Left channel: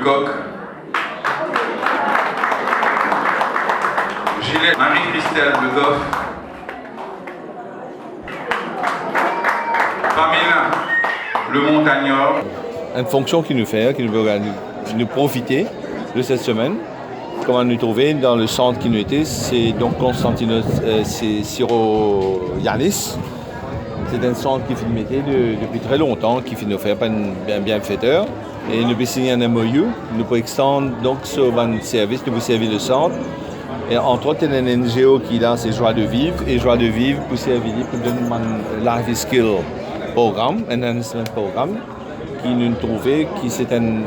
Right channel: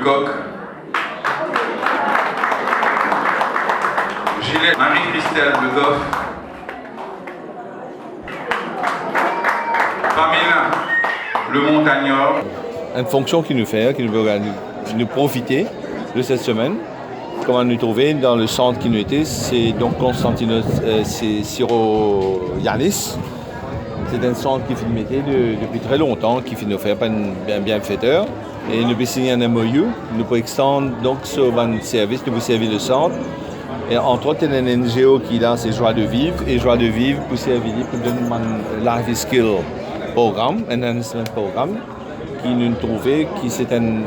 Lecoq, Gilles, Marie-Christelle Legoff, Pamela Le Montagnard. Une fonction qui nous fait, qui nous veut nous profiter de cette semaine. Comment nous trouver dans le centre qui nous était, c'est donc Constantinos, c'est Syro-Yanis. C'est un centre qui nous mettait depuis très longtemps, qui nous fait un bienfaiteur. Et nous avons signé un MOU, nous pouvons extendre donc sur un service, nous pouvons servir le centre. Et entre autres, il y a un NGO qui est là, c'est Joie de Vivre. Et Joie de Vivre pour servir pour donner un Life Skill programme, un enhancement programme, qui nous trouvait qui c'est une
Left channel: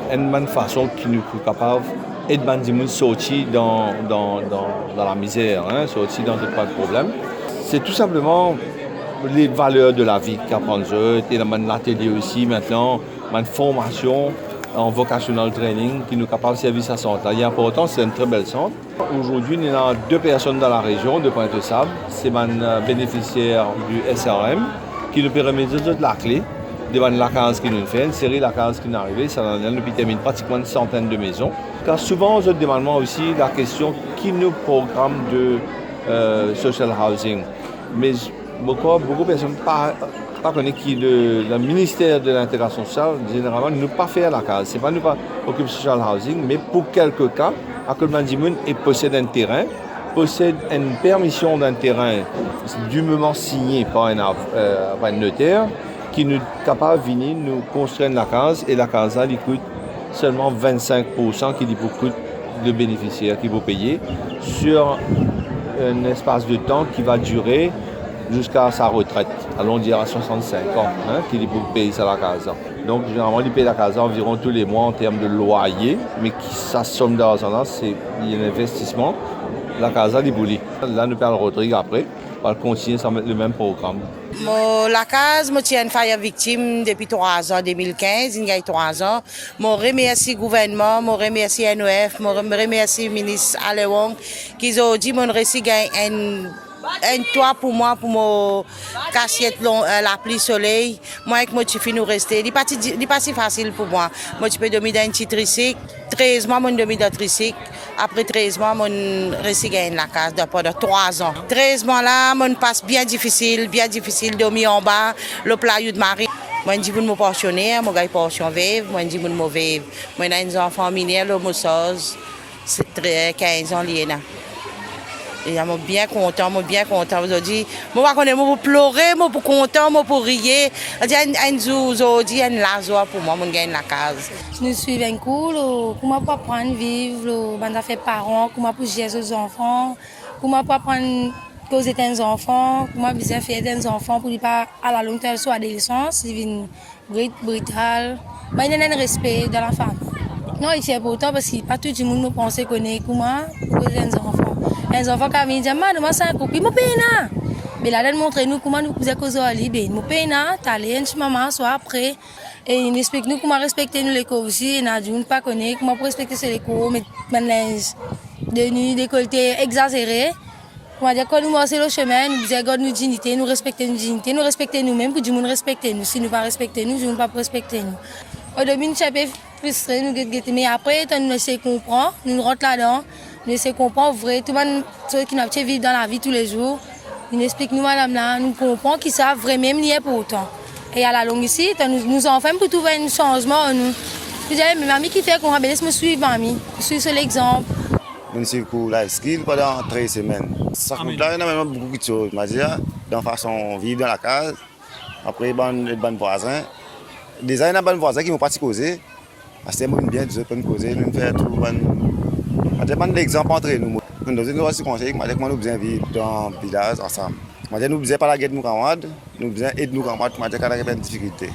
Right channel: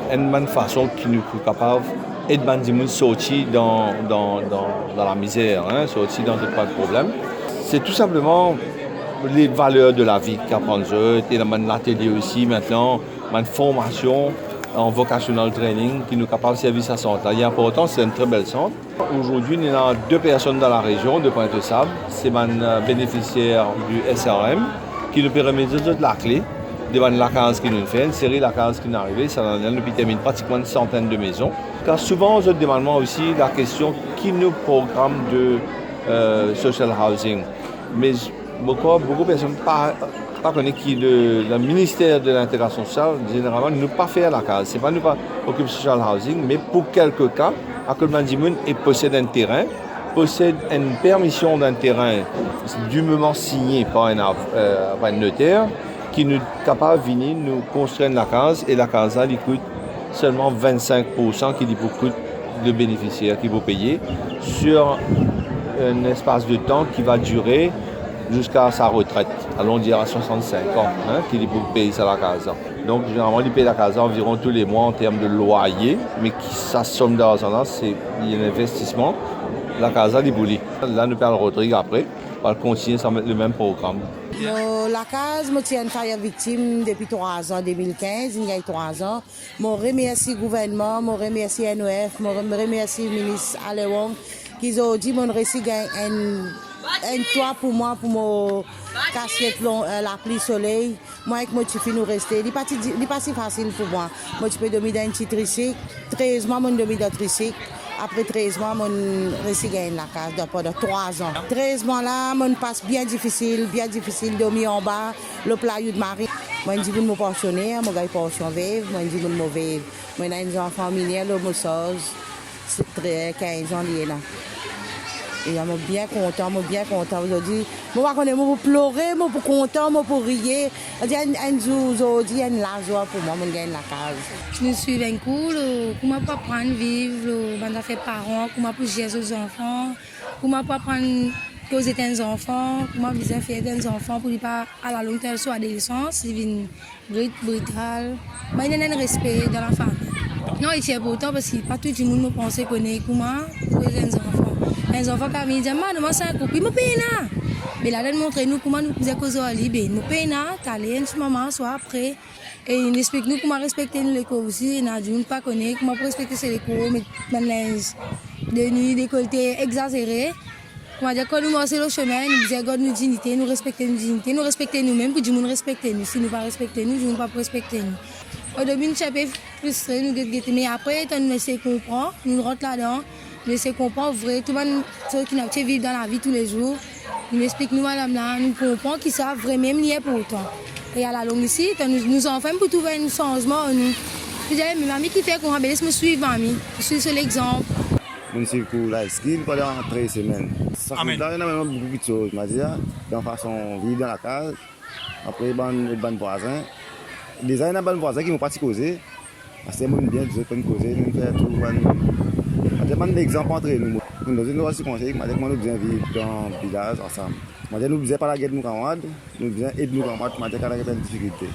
façon qui nous est capable d'aider les gens sortir dans la misère, hein, sortir dans pas de problème. C'est tout simplement les valeurs de la vie qu'apprendre. Et dans l'atelier aussi maintenant, une formation en vocational training qui nous est capable de servir à centre. Il est important, c'est un très bel centre. Aujourd'hui, il y a 2 personnes dans la région de Pointe-aux-Sables. C'est un bénéficiaire du SRM qui nous permet de donner la clé devant la case qui nous fait, une série de la case qui est arrivée, ça nous termine pratiquement une centaine de maisons. Car souvent, on se demande aussi la question qui nous programme de social housing. Mais beaucoup de personnes ne connaissent pas le ministère de l'intégration sociale, généralement, ne pas faire la case. Ce n'est pas nous pas occuper social housing, mais pour quelques cas, à que le possède un terrain, possède une permission d'un terrain dûment signé par un notaire, qui nous est capable de venir nous construire la case et la case là, il coûte seulement 25% qui coûte le bénéficiaire qui va payer sur un espace de temps qui va durer jusqu'à sa retraite, allons dire à 65 ans, hein, qu'il peut payer ça la case. Donc généralement il paye la case environ tous les mois en termes de loyer, mais sa somme d'argent là, c'est un investissement. La case est bouli. Là nous perdons Rodrigue après, on va continuer sans mettre le même programme. La case, je tiens une faille victime depuis 3 ans, 2015, il y a 3 ans. Je remercie le gouvernement, je remercie NOF, je remercie le ministre Alewong qui ont dit que je reçu un toit pour moi, pour mon cassette, la pluie soleil. Moi, avec moi, je suis nous rester. Ce n'est pas si facile pour moi. Moi, je peux dormir dans un petit tricycle. 13 mois, je dormir dans un tricycle. Après 13 mois, je reçu la case pendant 3 ans. 13 mois là, je passe bien difficile, dormir en bas, le plat de Marie. Moi, je dis que je suis pensionnaire, je suis pension vive, moi, je dis que je suis vive. Moi, j'ai des enfants mineurs, le moussose, c'est 15 ans lié là. Et je suis bien content. Aujourd'hui, je vais pleurer, je suis content, je pour rire. Aujourd'hui, un lazoir pour moi, je gagne la case. Je me suis cool, comment pas apprendre à vivre, comment faire parents, comment pour gérer les enfants, comment pas apprendre à causer des enfants, comment bien faire des enfants pour ne pas à la longue terme soit adolescence, c'est brutal. Il y a un respect dans la famille. Non, c'est important parce que pas tout le monde pense connaître comment causer des enfants. Les enfants qui viennent dire, maman, c'est un copie, je paye. Mais là, ils montrent nous comment nous faisons causer à l'île. Nous payons, t'allez, maman, soit après. Et ils nous expliquent comment respecter l'école aussi. Ils ne pas connaître comment respecter l'école, mettre un linge de nuit, décolleté exagéré. Quand nous marchons le chemin, nous disons, regarde nos dignités, nous respectons nos dignités, nous respectons nous-mêmes, pour que nous respecter nous. Si nous ne respectons nous, nous ne pas respecter nous. Au début, nous sommes frustrés, mais après, nous essayons de comprendre, nous rentrons là-dedans. Nous essayons de comprendre vrai, tout le monde qui vit dans la vie tous les jours. Nous expliquons, nous, madame, là, nous comprenons qu'ils savent vraiment même lié pour autant. Et à la longue ici, nous enfants pour trouver un changement. Je disais, mais mamie qui fait qu'on va me suivre, mamie. Je suis sur l'exemple. Je suis pour la skill pendant 13 semaines. Ça compte là, il y a beaucoup de choses. Je dis, de façon vivre dans la case, après, les bons voisins. Déjà, il y a des bons voisins qui m'ont pas causé. Parce que moi, bien, ils peuvent causer, nous faire tout. Je prends l'exemple entre nous. Nous avons aussi conseillé que nous devons vivre dans le village ensemble. Nous ne devons pas la guerre de nos camarades, nous devons aider nos camarades pour des difficultés.